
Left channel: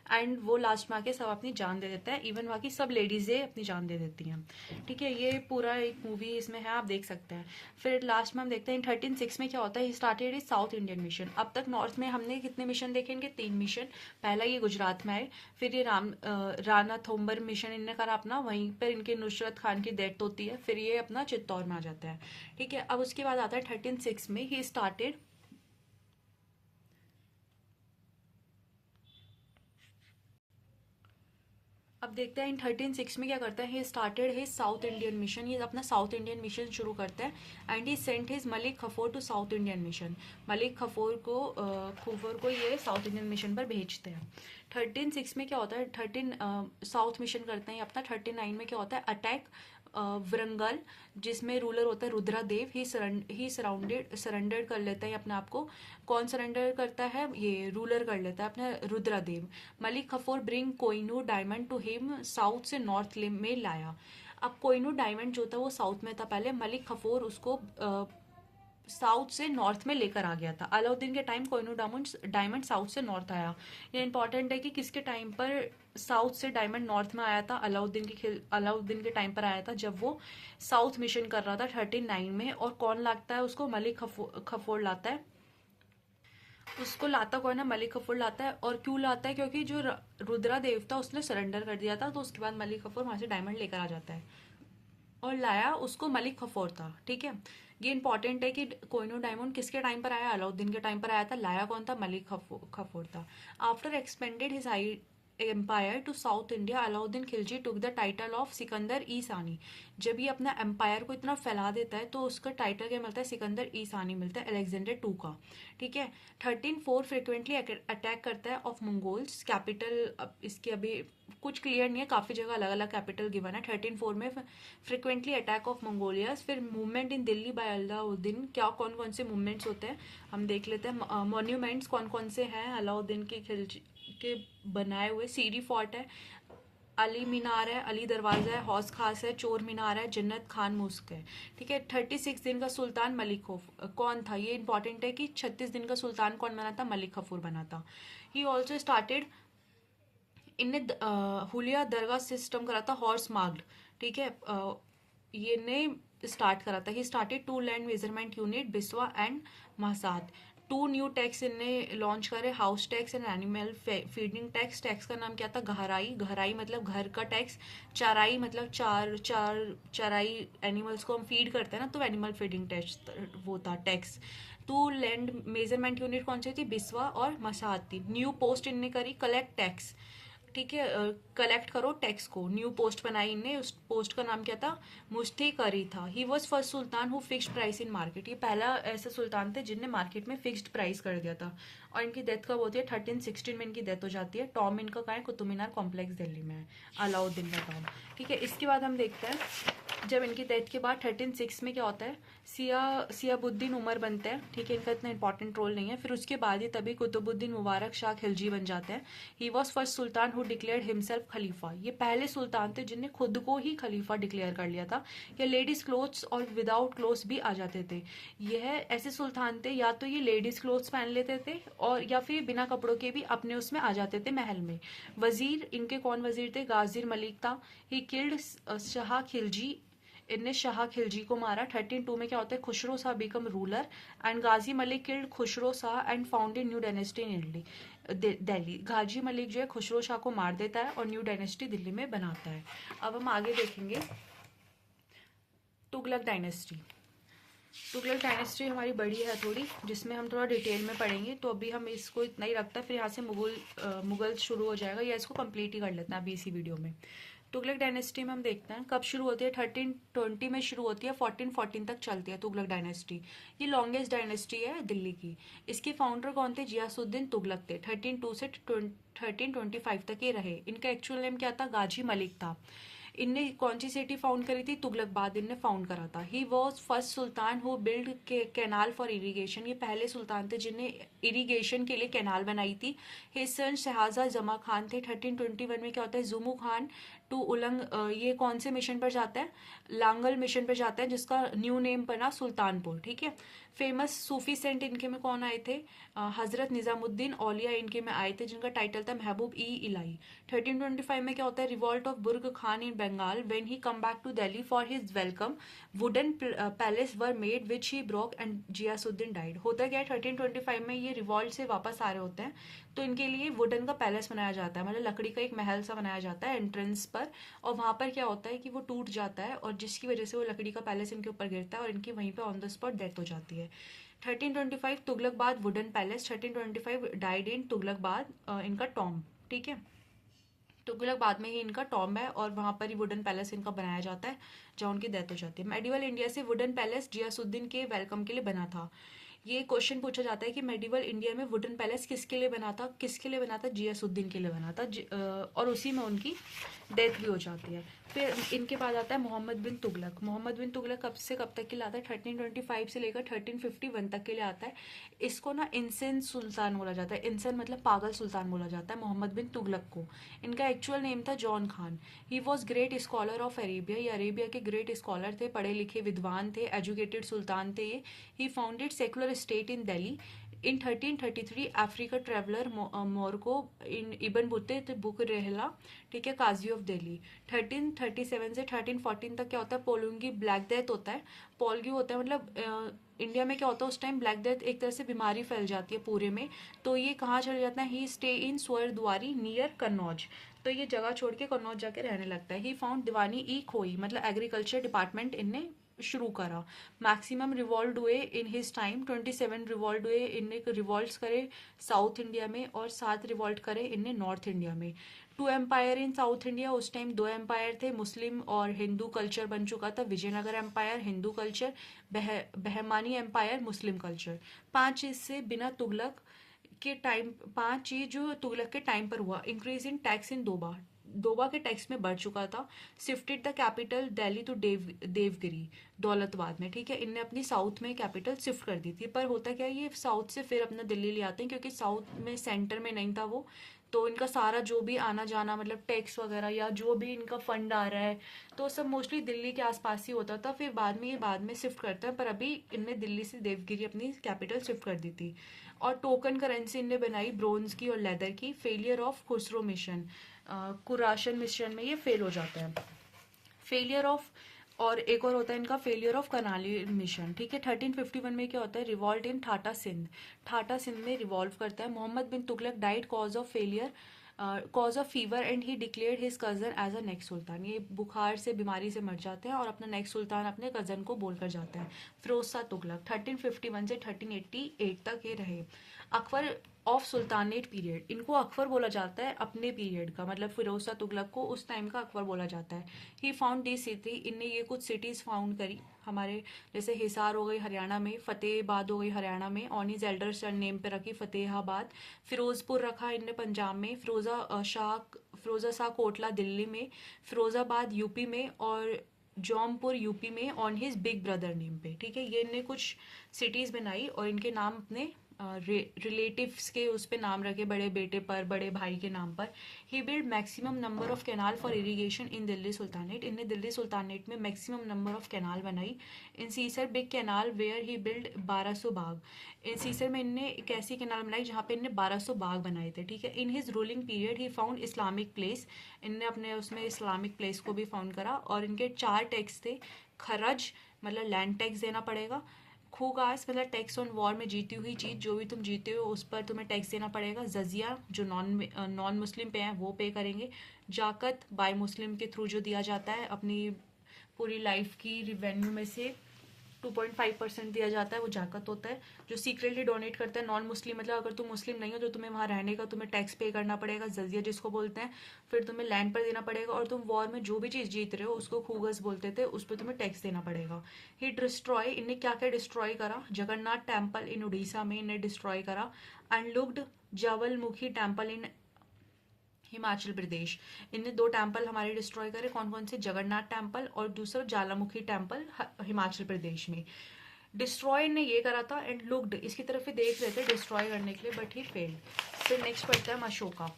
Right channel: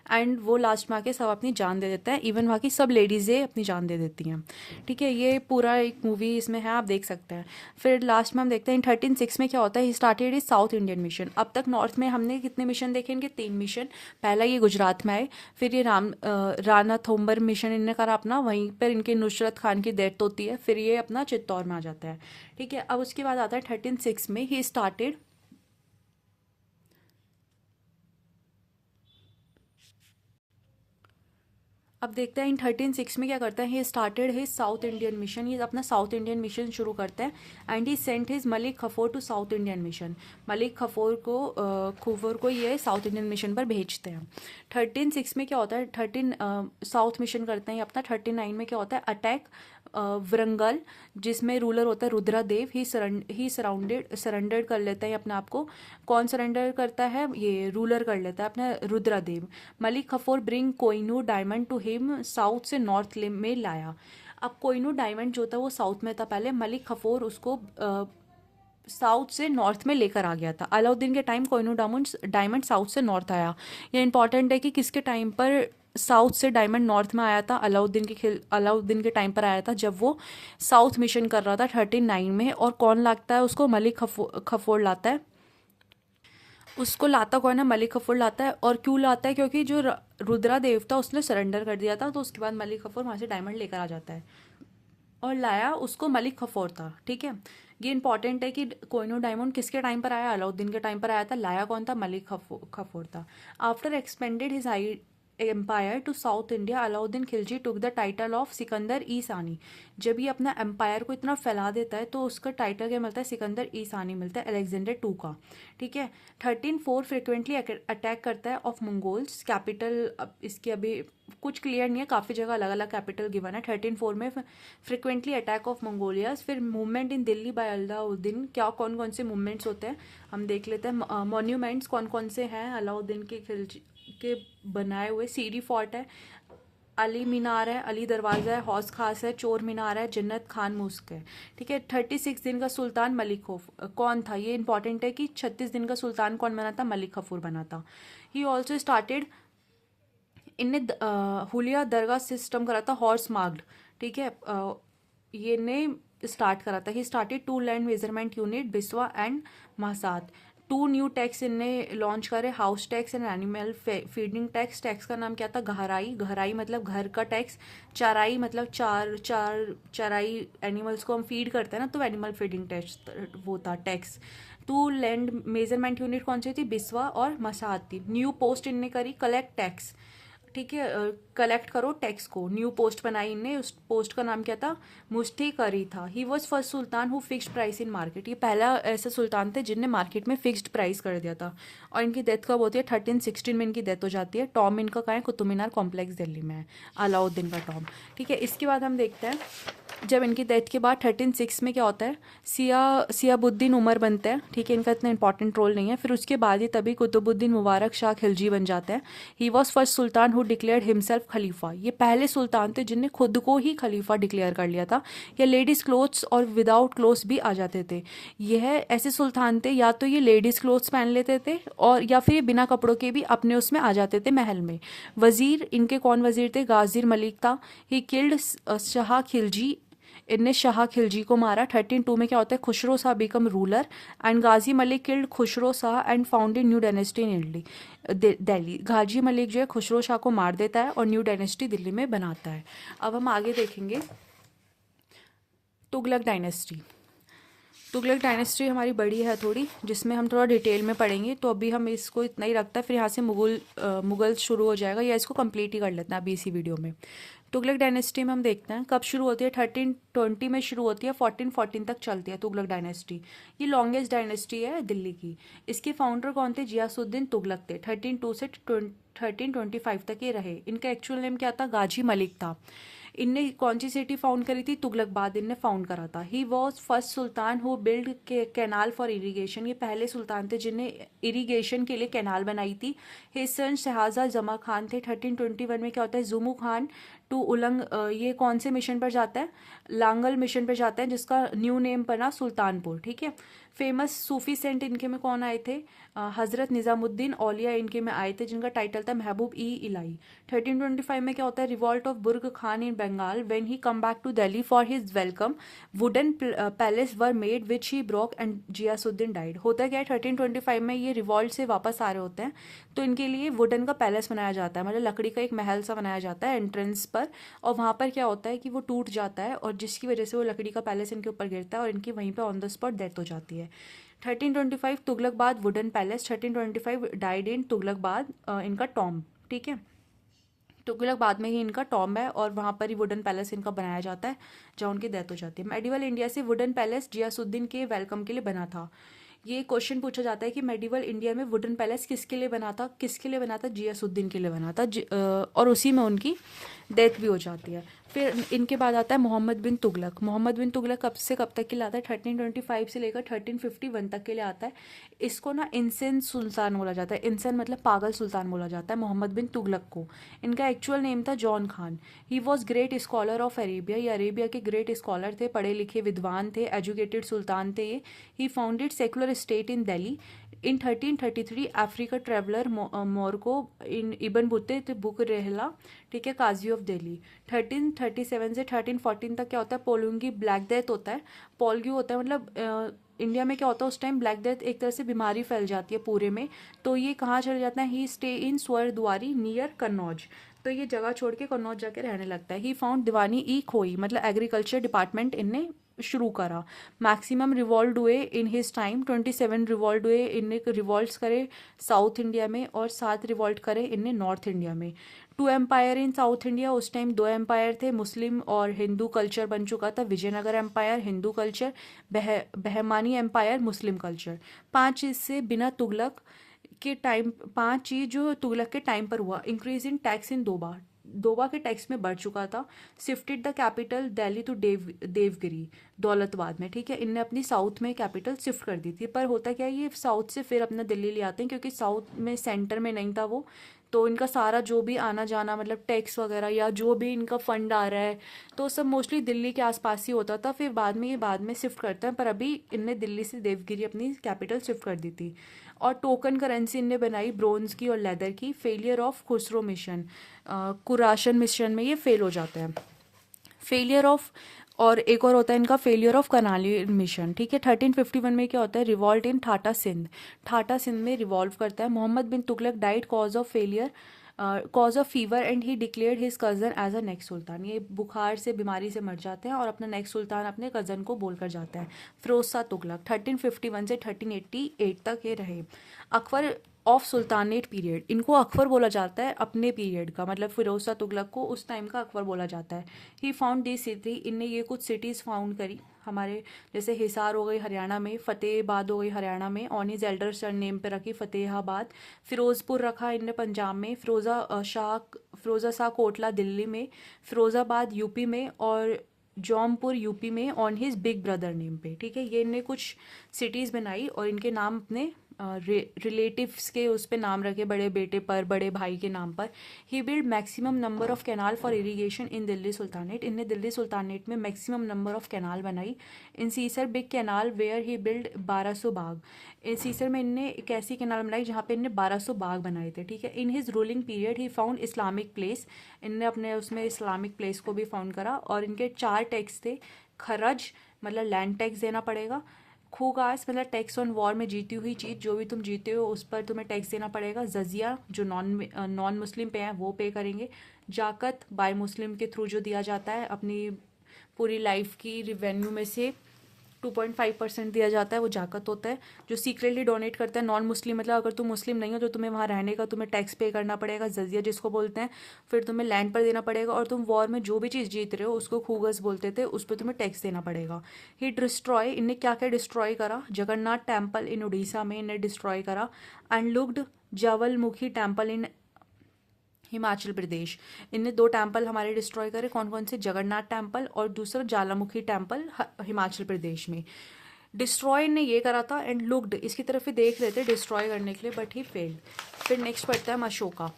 एंड वो लास्ट में आके सब अपनी जान दे देता है, इवन वहाँ की सब लेडीज़ें अपनी जान दे देती हैं। ठीक है। ये पूरा एक मूवी इसमें है, आप देख सकते हैं। फिर लास्ट में हम देखते हैं 1306 में क्या होता है? He started is south Indian mission. अब तक नॉर्थ में हमने कितने मिशन देखे? इनके 3 मिशन। पहला ये गुजरात में आए, फिर ये राणा थोम्बर मिशन इनने करा अपना, वहीं पर इनके नुसरत खान की डेथ होती है, फिर ये अपना चित्तौड़ में आ जाता है। ठीक है। अब उसके बाद आता है 1306 में ही स्टार्टेड अब देखते हैं इन 1306 में क्या करता है। He started his south Indian mission, ये अपना साउथ इंडियन मिशन शुरू करता है। And he sent his Malik Kafur to south Indian mission, Malik Kafur को ये साउथ इंडियन मिशन पर भेजते हैं। 1306 में क्या होता है, साउथ मिशन करते हैं अपना। 39 में क्या होता है, अटैक वरंगल, जिसमें रूलर होता है रुद्रादेव। ही सरेंडर कर लेता है अपने आप को। कौन सरेंडर करता है, ये रूलर कर लेता है अपना Rudradev. Malik Kafur bring Kohinoor diamond to him, south से नॉर्थ में लाया। अब कोहिनूर डायमंड जो था वो साउथ में था पहले, मलिक खफोर उसको साउथ से नॉर्थ में लेकर आ गया था। अलाउद्दीन के टाइम कोहिनूर डायमंड साउथ से नॉर्थ आया। ये इंपॉर्टेंट है कि किसके टाइम पर साउथ से डायमंड नॉर्थ में आया था। अलाउद्दीन के टाइम पर आया था, जब वो साउथ मिशन कर रहा था 39 में। और कौन लाता है उसको, मलिक खफोर लाता है उसको। लाता कौन है, मलिक कफूर लाता है। और क्यों लाता है, क्योंकि जो रुद्रा देव था उसने सरेंडर कर दिया था, तो उसके बाद मलिक कफूर वहां से डायमंड लेकर आ जाता है। और लाया उसको मलिक खफोर था, ठीक है। ये इंपॉर्टेंट है कि कोहिनूर डायमंड किसके टाइम पर आया, अलाउद्दीन के टाइम पर आया था। लाया कौन था, मलिक खफोर था। After expanded his empire to south India, Alauddin Khilji took the title of Sikandar e Sani. जब ये अपना एम्पायर को इतना फैला देता है तो उसका टाइटल क्या मिलता है, सिकंदर ई सानी मिलता है, अलेक्जेंडर टू का, ठीक है। 1304 फ्रिक्वेंटली अटैक करता है ऑफ मंगोल्स कैपिटल। अब इसकी अभी कुछ क्लियर नहीं है, काफ़ी जगह अलग अलग कैपिटल गिवन है। 1304 में फ्रिक्वेंटली अटैक ऑफ मंगोलियाज। फिर movement in Delhi by Alauddin, क्या कौन कौन से मूवमेंट्स होते हैं हम देख लेते हैं। मॉन्यूमेंट्स कौन कौन से हैं अलाउद्दीन के खिलजी के बनाए हुए। सीरी फोर्ट है, अली मीनार है, अली दरवाज़ा है, हौस खास है, चोर मीनार है, जन्नत खान मुस्क है, ठीक है। 36 दिन का सुल्तान मलिक कौन था, ये इंपॉर्टेंट है कि 36 दिन का सुल्तान कौन बना था, मलिक कफूर बना था। ही ऑल्सो स्टार्टेड, इनने हुलिया दरगाह सिस्टम करा था, हॉर्स मार्क्ड, ठीक है। ये ने स्टार्ट करा था। He started 2 land measurement unit, biswa and महसाद। 2 न्यू टैक्स इनने लॉन्च करे, house tax and animal feeding tax. Tax का नाम क्या था, गहराई। गहराई मतलब घर का टैक्स। चराई मतलब चराई एनिमल्स को हम फीड करते हैं ना, तो एनिमल फीडिंग टैक्स वो था टैक्स। 2 लैंड मेजरमेंट यूनिट कौन सी थी, बिस्वा और मसाद थी। न्यू पोस्ट इनने करी, कलेक्ट टैक्स, ठीक है। कलेक्ट करो टैक्स को। न्यू पोस्ट बनाई इनने, उस पोस्ट का नाम क्या था, मुफ्ती करी था। ही was first sultan who fixed price in market, ये पहला ऐसे सुल्तान थे जिनने मार्केट में फिक्स्ड प्राइस कर दिया था। और इनकी डेथ कब होती है, 1316 में इनकी डेथ हो जाती है। टॉम इनका कहाँ है, कुतुब मीनार कॉम्प्लेक्स दिल्ली में है, अलाउद्दीन का टॉम, ठीक है। इसके बाद हम देखते हैं जब इनकी डेथ के बाद 1306 में क्या होता है, सियाबुद्दीन उमर बनते हैं, ठीक है। इनका इतना इंपॉर्टेंट रोल नहीं है। फिर उसके बाद ही तभी कुतुबुद्दीन मुबारक शाह खिलजी बन जाते हैं। He was first sultan who declared himself खलीफा, ये पहले सुल्तान थे जिनने खुद को ही खलीफा डिक्लेयर कर लिया था। या लेडीज़ क्लोथ्स और विदाउट क्लोथ्स भी आ जाते थे। यह ऐसे सुल्तान थे, या तो ये लेडीज़ क्लोथ्स पहन लेते थे और या फिर ये बिना कपड़ों के भी अपने उसमें आ जाते थे महल में। वजीर इनके कौन वजीर थे, गाजिर मलिक था। ही किल्ड शाह खिलजी, इनने शाह खिलजी को मारा। 1302 में क्या होता है, Khusro Shah become ruler and Ghazi Malik killed Khusro Shah and founded new dynasty in Delhi. Ghazi Malik जो है खुसरो शाह को मार देता है और न्यू डायनेस्टी दिल्ली में बनाता है। अब हम आगे देखेंगे तुगलक डायनेस्टी। तुगलक डायनेस्टी हमारी बड़ी है थोड़ी, जिसमें हम थोड़ा डिटेल में पढ़ेंगे, तो अभी हम इसको इतना ही रखता है। फिर यहाँ से मुगल शुरू हो जाएगा, या इसको कंप्लीट ही कर लेते हैं अभी इसी वीडियो में। तुगलक डायनेस्टी में हम देखते हैं कब शुरू होती है, 1320 में शुरू होती है, 1414 तक चलती है तुगलक डायनेस्टी। ये लॉन्गेस्ट डायनेस्टी है दिल्ली की। इसके फाउंडर कौन थे, जियासुद्दीन तुगलक थे। 1302 से 1325 तक ये रहे। इनका एक्चुअल नेम क्या था, गाजी मलिक था। इनने कौन सी सिटी फाउंड करी थी, तुगलकाबाद इनने फाउंड करा था। ही was first sultan who build canal for irrigation, ये पहले सुल्तान थे जिनने इरीगेशन के लिए कैनाल बनाई थी। हिज सन शहाजा जमा खान थे। 1321 में क्या होता है, जुमू खान टू उलंग, ये कौन से मिशन पर जाता है, लांगल मिशन पर जाता है, जिसका न्यू नेम बना सुल्तानपुर, ठीक है। फेमस सूफी सेंट इनके में कौन आए थे, हजरत निजामुद्दीन औलिया इनके में आए थे, जिनका टाइटल था महबूब ई इलाई। 1325 में क्या होता है, revolt of Burg Khan in Bengal. When he come back to Delhi for his welcome, wooden palace were made which he broke and Ghiyasuddin died. होता क्या है, 1325 में ये रिवॉल्ट से वापस आ रहे होते हैं, तो इनके लिए वुडन का पैलेस बनाया जाता है, मतलब लकड़ी का एक महल सा बनाया जाता है एंट्रेंस पर। और वहाँ पर क्या होता है कि वो टूट जाता है, और जिसकी वजह से वो लकड़ी का पैलेस इनके ऊपर गिरता है और इनकी वहीं पे ऑन द स्पॉट डेथ हो जाती है। 1325 तुगलकबाद वुडन पैलेस। 1325 डाइड इन तुगलकबाद, इनका टॉम, ठीक है। तुगलक बाद में ही इनका टॉम्ब है और वहाँ पर ही वुडन पैलेस इनका बनाया जाता है जहाँ उनकी डेथ हो जाती है। मेडिवल इंडिया से वुडन पैलेस जियासुद्दीन के वेलकम के लिए बना था। ये क्वेश्चन पूछा जाता है कि मेडिवल इंडिया में वुडन पैलेस किसके लिए बना था, किसके लिए बना था, जियासुद्दीन के लिए बना था। और उसी में उनकी डेथ भी हो जाती है। फिर इनके बाद आता है मोहम्मद बिन तुगलक। मोहम्मद बिन तुगलक कब से कब तक के लिए आता है, 1325 से लेकर 1351 तक के लिए आता है। इसको ना इंसेन सुल्तान बोला जाता है। इंसेन मतलब पागल सुल्तान बोला जाता है मोहम्मद बिन तुगलक को। इनका एक्चुअल नेम था Jauna Khan. He was great scholar of Arabia. ये अरेबिया के ग्रेट स्कॉलर थे, पढ़े लिखे विद्वान थे, एजुकेटेड सुल्तान थे ये। He founded secular state in Delhi. In 1333 Africa traveller Morocco in Ibn Battuta book Rihla, ठीक है, काजी ऑफ दिल्ली। 1337 से 1314 तक क्या होता है, पोलुंगी ब्लैक डेथ होता है। पोलग्यू होता है मतलब इंडिया में क्या होता है उस टाइम, ब्लैक डेथ एक तरह से बीमारी फैल जाती है पूरे में। तो ये कहाँ चले जाता है, ही स्टे इन स्वरद्वारी नियर कन्नौज। तो ये जगह छोड़ के कन्नौज जाके रहने लगता है। ही फाउंड दीवानी ई खोई, मतलब एग्रीकल्चर डिपार्टमेंट इनने शुरू करा। मैक्सिमम रिवॉल्ट हुए इन हिज टाइम, 27 रिवॉल्ट हुए इनने, रिवॉल्ट्स करे साउथ इंडिया में और 7 रिवॉल्ट करे इनने नॉर्थ इंडिया में। 2 एम्पायर इन साउथ इंडिया, उस टाइम 2 एम्पायर थे, मुस्लिम और हिंदू कल्चर बन चुका था। Vijayanagar empire Hindu culture, Bahmani empire Muslim culture. 5 इससे बिना तुगलक के टाइम, 5 चीज जो तुगलक के टाइम पर हुआ। इंक्रीज इन टैक्स इन दोबा, दोबा के टैक्स में बढ़ चुका था। Shifted the capital Delhi to Devagiri, Daulatabad में, ठीक है। इनने अपनी साउथ में कैपिटल शिफ्ट कर दी थी। पर होता क्या, ये साउथ से फिर अपना दिल्ली ले आते हैं क्योंकि साउथ में सेंटर में नहीं था वो। तो इनका सारा जो भी आना जाना मतलब टैक्स वगैरह या जो भी इनका फंड आ रहा है तो सब मोस्टली दिल्ली के आसपास ही होता था। फिर बाद में ये बाद में शिफ्ट करते हैं, पर अभी इनने दिल्ली से देवगिरी अपनी कैपिटल शिफ्ट कर दी थी। और टोकन करेंसी इनने बनाई ब्रोंज की और लेदर की। Failure of Khusro mission, Khurasan mission में ये फेल हो जाते हैं। फेलियर ऑफ, और एक और होता है इनका फेलियर ऑफ करनाली मिशन, ठीक है। 1351 में क्या होता है, रिवॉल्ट इन ठाटा सिंध। ठाटा सिंध में रिवॉल्व करता है। Mohammad bin Tughlaq died cause of failure, cause of fever and he declared his cousin as a next sultan. ये बुखार से बीमारी से मर जाते हैं और अपना नेक्स्ट सुल्तान अपने कजन को बोलकर जाता है। फिरोज शाह तुगलक 1351 से 1388 तक ये रहे। अकबर ऑफ सुल्तानेट पीरियड, इनको अकबर बोला जाता है अपने पीरियड का, मतलब फिरोज शाह तुगलक को उस टाइम का अकबर बोला जाता है। ही फाउंड दी सिटी, इनने ये कुछ सिटीज फाउंड करी हमारे, जैसे हिसार हो गई हरियाणा में, फतेहाबाद हो गई हरियाणा में, on his elder son name पे रखी फतेहाबाद। फिरोजपुर रखा इनने पंजाब में, फिरोजा शाह कोटला दिल्ली में, फिरोजाबाद यूपी में और जौनपुर यूपी में on his big brother name पे, ठीक है। ये इनने कुछ सिटीज बनाई और इनके नाम अपने रिलेटिव्स के उस पे नाम रखे, बड़े बेटे पर, बड़े भाई के नाम पर। He build maximum number of canal for irrigation in Delhi sultanate, इनने दिल्ली सुल्तानेट में मैक्सिमम नंबर ऑफ कैनाल बनाई। In Hisar big canal where he build 1200 बाग, इन सीसर में इनने एक ऐसी कैनाल बनाई जहाँ पे इनने 1200 बाग बनाए थे, ठीक है। In his ruling period he found Islamic place, इनने अपने उसमें इस्लामिक प्लेस को भी फाउंड करा। और इनके 4 टैक्स थे, खरज मतलब लैंड टैक्स देना पड़ेगा, खूगास मतलब टैक्स ऑन वॉर में जीती हुई चीज़, जो भी तुम जीते हो उस पर तुम्हें टैक्स देना पड़ेगा। जजिया जो नॉन मुस्लिम पे है वो पे करेंगे। जाकत बाय मुस्लिम के थ्रू जो दिया जाता है, अपनी पूरी लाइफ की रिवेन्यू में से 2.5% दिया जाता है, वो जाकत होता है। जो सीक्रेटली डोनेट करता है नॉन मुस्लिम, मतलब अगर तुम मुस्लिम नहीं हो तो तुम्हें वहाँ रहने का तुम्हें टैक्स पे करना पड़ेगा, जजिया जिसको बोलते हैं। फिर तुम्हें लैंड पर देना पड़ेगा, और तुम वॉर में जो भी चीज़ जीत रहे हो उसको खूगस बोलते थे, उस पर तुम्हें टैक्स देना पड़ेगा। ही डिस्ट्रॉय, इनने क्या क्या डिस्ट्रॉय करा, जगन्नाथ टेम्पल इन उड़ीसा में इन्हें डिस्ट्रॉय करा। And looked Jwalamukhi temple in Himachal Pradesh, इनने 2 टेम्पल हमारे डिस्ट्रॉय करे। कौन कौन से, जगन्नाथ टेम्पल और दूसरा ज्वालामुखी टेम्पल हिमाचल प्रदेश में। डिस्ट्रॉय ने ये करा था। एंड लुक्ड, इसकी तरफ ही देख रहे थे डिस्ट्रॉय करने के लिए, बट ही फेल्ड। फिर नेक्स्ट पढ़ते हैं हम अशोका।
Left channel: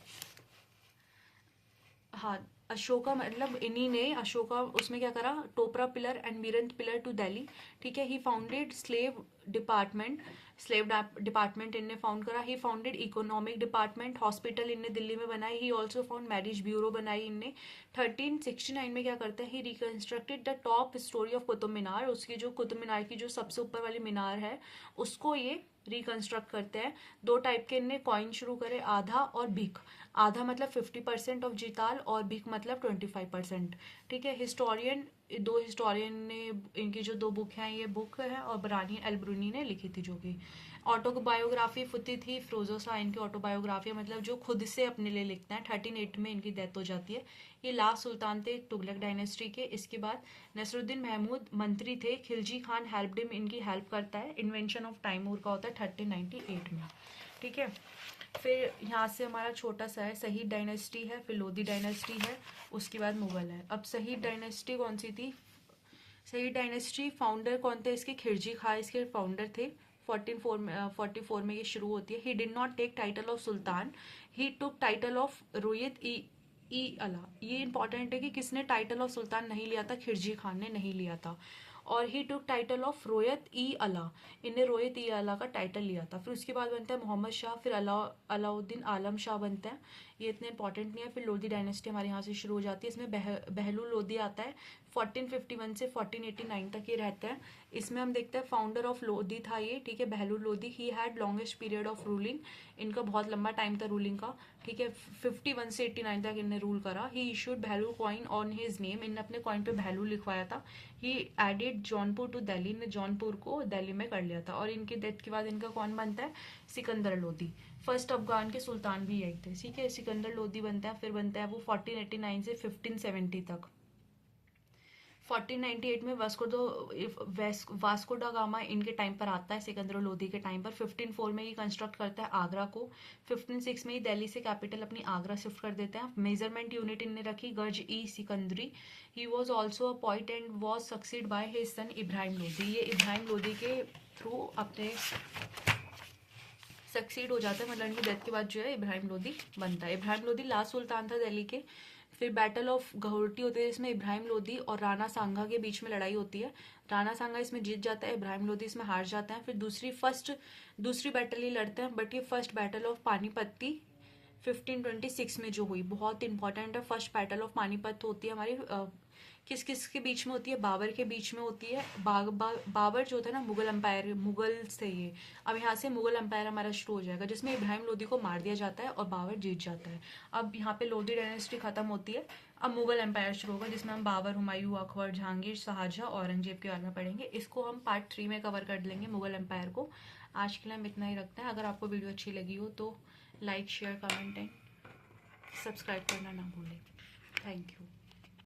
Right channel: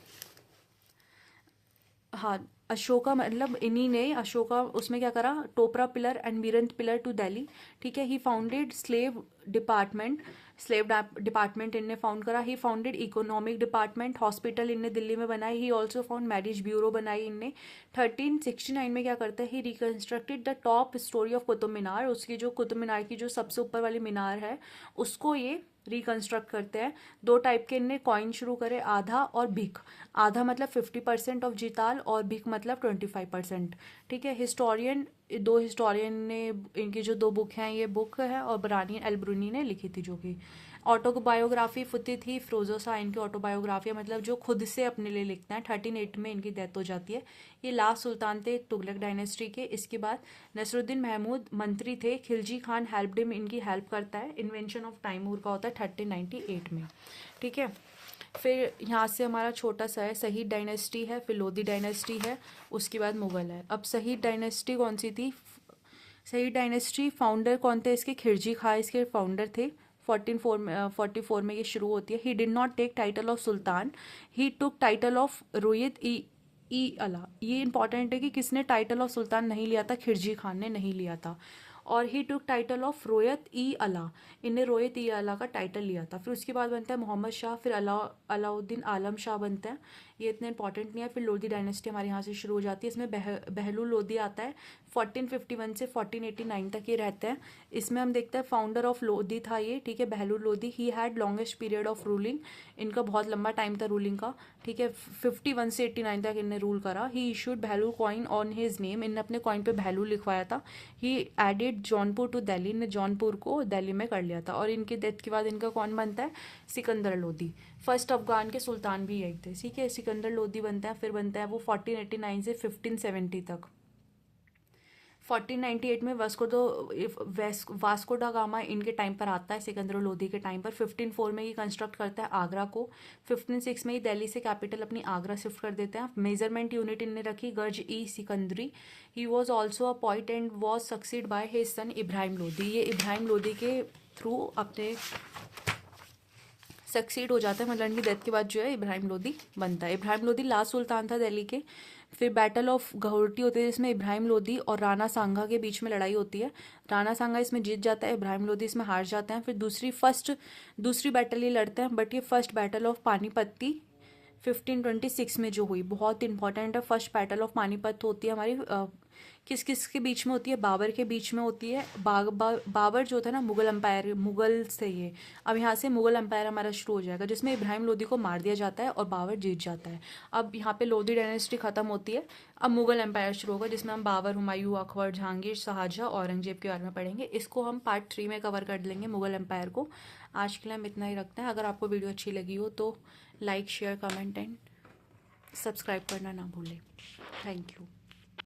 हाँ, अशोका मतलब इन्हीं ने, अशोका उसमें क्या करा, Topra pillar and Meerut pillar to Delhi, ठीक है। He founded slave department, slave department इनने फाउंड करा। He founded economic department, hospital इनने दिल्ली में बनाई। He also found marriage bureau बनाई इनने। 1369 में क्या करता है, he reconstructed the top storey of Qutub Minar, उसकी जो कुतुब मीनार की जो सबसे ऊपर वाली मीनार है उसको ये रिकंस्ट्रक्ट करते हैं। 2 टाइप के इनने कॉइन शुरू करे, आधा और भिख। आधा मतलब 50% ऑफ जिताल और भिख मतलब 25%, ठीक है। हिस्टोरियन, 2 हिस्टोरियन ने इनकी जो 2 बुक हैं, ये बुक है और बरानी एल्ब्रूनी ने लिखी थी जो कि। ऑटोबायोग्राफी फुती थी फिरोजो शाह, इनकी ऑटोबायोग्राफी मतलब जो खुद से अपने लिए लिखते हैं। 1380 में इनकी डेथ हो जाती है। ये लास्ट सुल्तान थे तुगलक डायनेस्टी के। इसके बाद नसरुद्दीन महमूद मंत्री थे, खिलजी खान हेल्प्ड हिम, इनकी हेल्प करता है। इन्वेंशन ऑफ तैमूर का होता है 1398 में, ठीक है। फिर यहाँ से हमारा छोटा सा है शहीद डायनेस्टी है, फिर लोधी डायनेस्टी है, उसके बाद मुगल है। अब शहीद डायनेस्टी कौन सी थी? शहीद डायनेस्टी फाउंडर कौन थे इसके? खिलजी खां इसके फाउंडर थे। 44 में ये शुरू होती है। He did not take title of sultan, he took title of रोयत ई अला। ये इंपॉर्टेंट है कि किसने टाइटल ऑफ सुल्तान नहीं लिया था? खिलजी खान ने नहीं लिया था। और ही टुक टाइटल ऑफ रोयत ई अला, इनने रोयत ई अला का टाइटल लिया था। फिर उसके बाद बनता है मोहम्मद शाह, फिर अलाउद्दीन आलम शाह बनते हैं। ये इतने इंपॉर्टेंट नहीं है। फिर लोधी डायनेस्टी हमारे यहाँ से शुरू हो जाती है। इसमें बहलूल लोधी आता है। 1451 से 1489 तक ये रहते हैं। इसमें हम देखते हैं फाउंडर ऑफ लोधी था ये, ठीक है, Bahlul Lodhi. He had longest period of ruling, इनका बहुत लंबा टाइम था रूलिंग का, ठीक है। 51 से 89 तक इनने रूल करा। He issued Bahlul coin on his name, इनने अपने कॉइन पे बहलूल लिखवाया था। He added Jaunpur to Delhi, ने जौनपुर को दिल्ली में कर लिया था। और इनके डेथ के बाद इनका कौन बनता है? सिकंदर लोधी। फर्स्ट अफगान के सुल्तान भी यही थे, ठीक है, सिकंदर लोधी बनता है। फिर बनता है वो 1489 से 1570 तक। 1498 में वास्को डा गामा इनके टाइम पर आता है, सिकंदर लोधी के टाइम पर। 1504 में ये कंस्ट्रक्ट करता है आगरा को। 1506 में ये दिल्ली से कैपिटल अपनी आगरा शिफ्ट कर देते हैं। मेजरमेंट यूनिट इनने रखी Gaz e Sikandari. He was also a poet and was succeed by his son Ibrahim Lodhi. ये इब्राहिम लोधी के थ्रू अपने सक्सीड हो जाता है, मतलब इनकी डेथ के बाद जो है इब्राहिम लोधी बनता है। इब्राहिम लोधी लास्ट सुल्तान था दिल्ली के। फिर बैटल ऑफ गहोरटी होती है जिसमें इब्राहिम लोधी और राणा सांगा के बीच में लड़ाई होती है। राणा सांगा इसमें जीत जाता है, इब्राहिम लोधी इसमें हार जाते हैं। फिर दूसरी बैटल ये लड़ते हैं, बट ये फर्स्ट बैटल ऑफ पानीपत्ती 1526 में जो हुई, बहुत इंपॉर्टेंट है। फर्स्ट बैटल ऑफ पानीपत होती है हमारी किस किस के बीच में होती है? बाबर के बीच में होती है। बाबर जो था ना मुगल एम्पायर, मुगल से ये अब यहाँ से मुगल एम्पायर हमारा शुरू हो जाएगा, जिसमें इब्राहिम लोधी को मार दिया जाता है और बाबर जीत जाता है। अब यहाँ पे लोधी डायनेस्टी खत्म होती है, अब मुगल एम्पायर शुरू होगा, जिसमें हम बाबर, हुमायूं, अकबर, जहांगीर, शाहजहां, औरंगजेब के बारे में पढ़ेंगे। इसको हम पार्ट 3 में कवर कर लेंगे, मुगल एम्पायर को। आज के लिए हम इतना ही रखते हैं। अगर आपको वीडियो अच्छी लगी हो तो like, share, comment and subscribe करना ना भूलें। Thank you.